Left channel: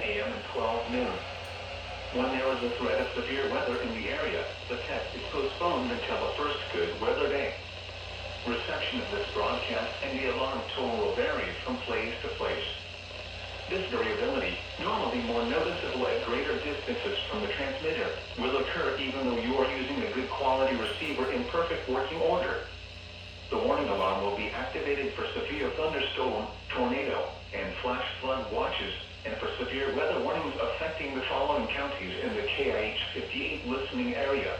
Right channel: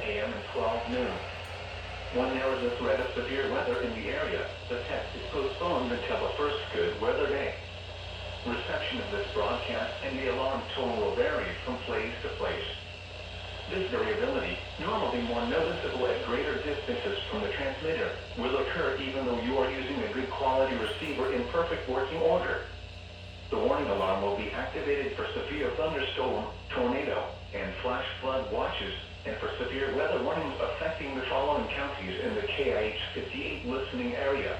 10 a.m. and 12 noon. When there is a threat of severe weather in the area, the test is postponed until the first good weather day. Reception of this broadcast and the alarm tone will vary from place to place. This variability, normally more noticeable at greater distances from the transmitter, will occur even though you are using a good quality receiver in perfect working order. The warning alarm will be activated for severe thunderstorm, tornado, and flash flood watches, and for severe weather warnings affecting the following counties in the KIH 58 listening area.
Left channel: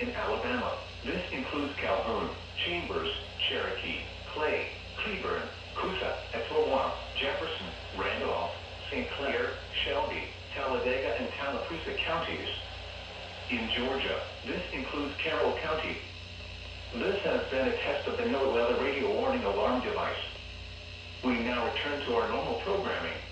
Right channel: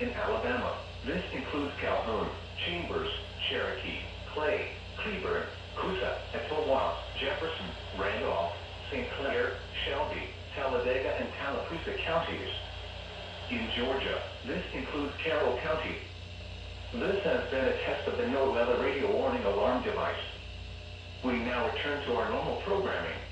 In Alabama, this includes Calhoun, Chambers, Cherokee, Clay, Cleburne, Coosa, Etowah, Jefferson, Randolph, St. Clair, Shelby, Talladega, and Tallapoosa counties. In Georgia, this includes Carroll County. This has been a test of the NOAA weather radio warning alarm device. We now return to our normal programming.